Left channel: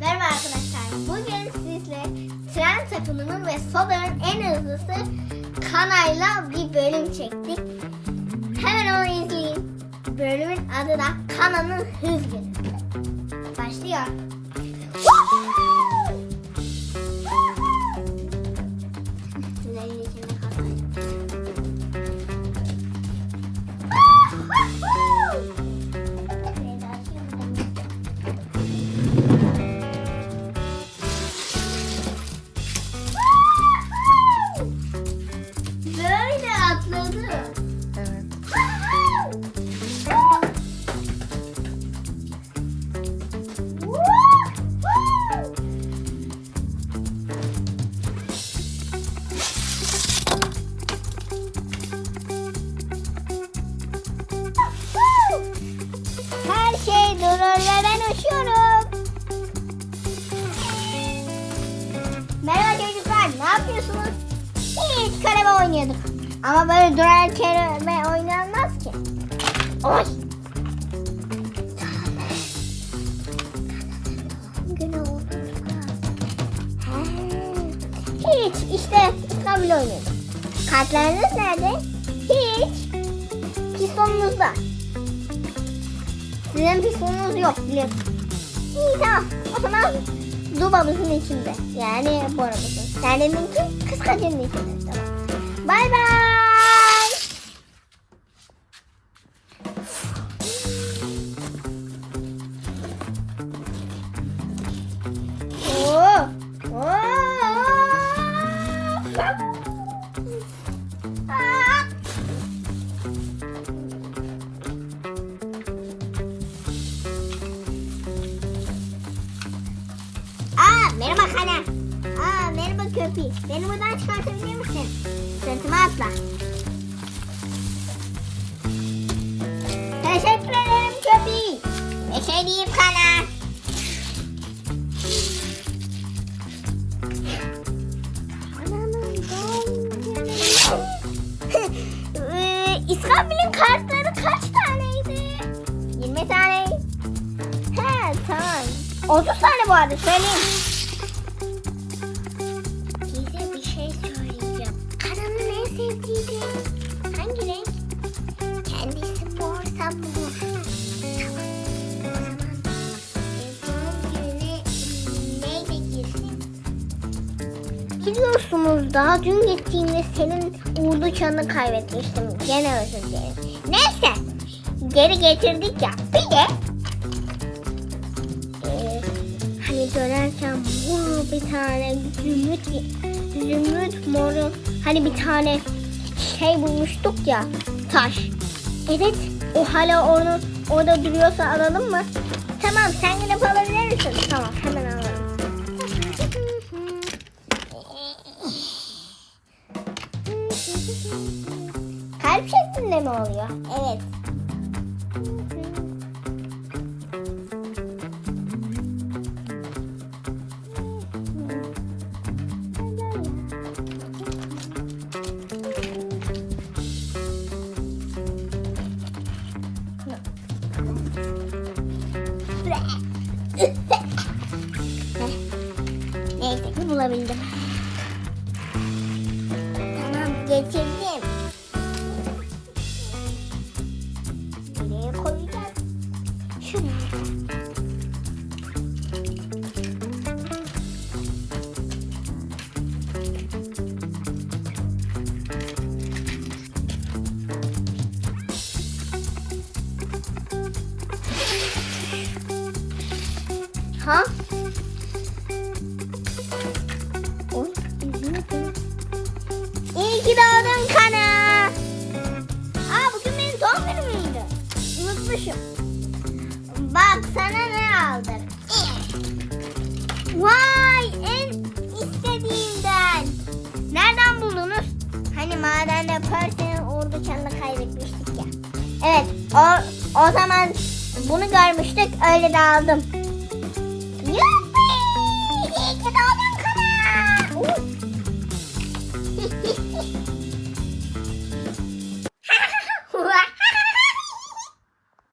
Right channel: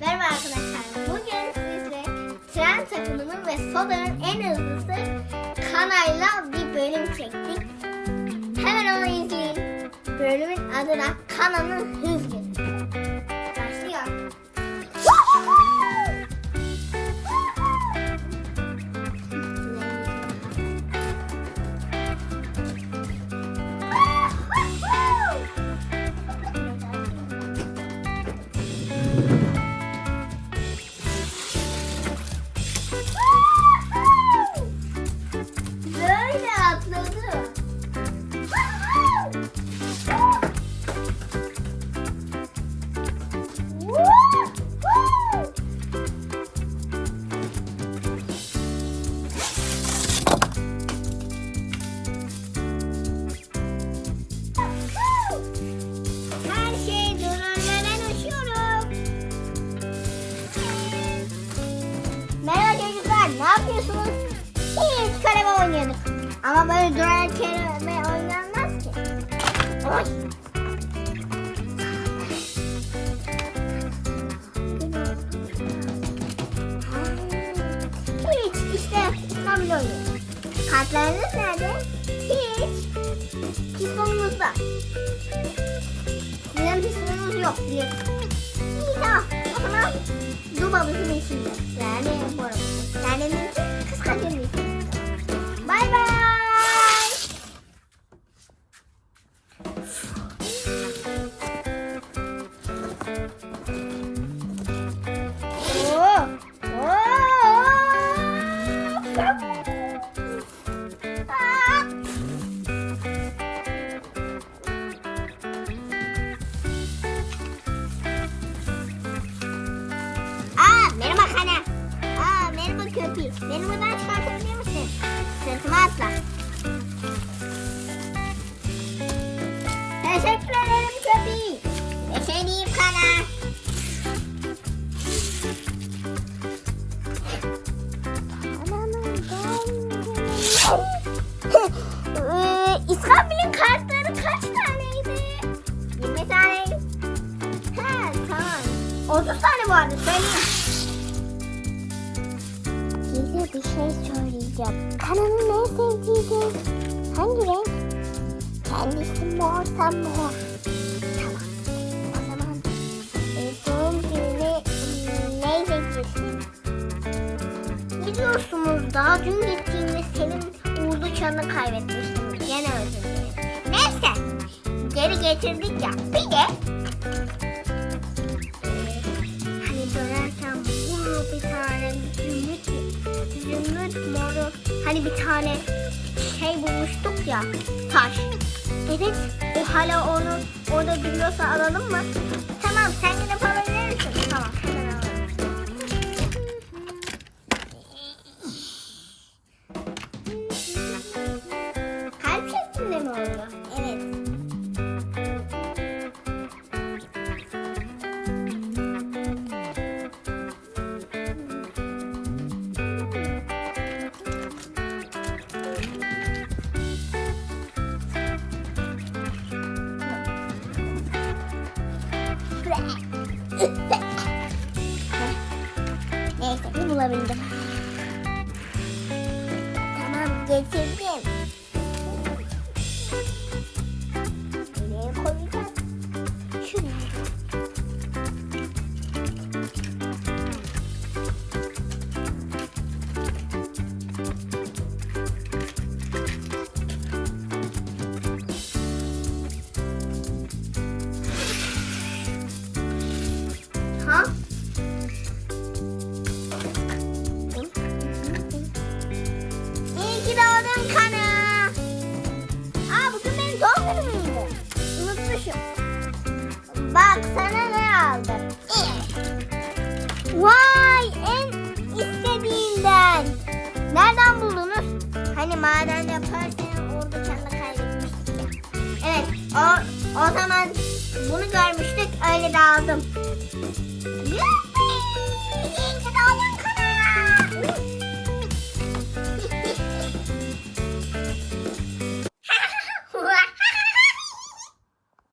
Merhaba arkadaşlar. Bugün sizle tren takımının ve Soda'nın en hızlısı Kana'yla bir bölüm çektik. Hemen onu izleyin. Bölümün adı da Kana'nın Hız Günü. Başlıyor. Böyle atladı. Her şey ben uçuyorum. Merhaba çocuklar, ne yapıyorsunuz? Hiç karebe oynuyorduk. Ama böyle duran karebe oynanmaz ki. Oy. Hiç, işte İstanbul oynuyorduk. Kartlarınız nerede? Hiç. Pistonumuzda. Sizin pistonunuz yok biliyorsun. İyi tamam. O zaman dubamızın içinde. Yani boramızın. Yani benimki kıskacının içinde. Bay bay. Kana. Aa merhaba köpü. Beni buradan çıkartabilir misin? Sırtıma atla. Teşekkür ederim köpü. Bir şey diyeyim. Ee, İskambil'in kartları kaç taneydi? 20 tane. He tamam. 30 tane bu arada söyleyeyim. E? Biliyorsunuz daha dün gittiğimde senin umdu çanı kaybetmiştim. Gene özür dilerim. Neyse. Geri getirdik ya. Bir de ee, hani dönerken bunu bir tane zümrüt zümrüt moru hani bir tane şey bulmuştuk ya taş. Evet o hala onu orada duruyorsa alalım mı? Tamam sen gidip alabilir misin? Tamam hemen alalım. Kalp şeklinde mi oluyor? Evet. Neyse ki bulabildim. Tamam getirdim. Unutmuşum. Bak sana ne aldım. Vay en istediğimden. Nereden buldunuz? Hani madende Percy'nin ordu çanını kaybetmiştik ya. Evet o, o zaman bunu görmüştük öyle de aldım. Yuppi!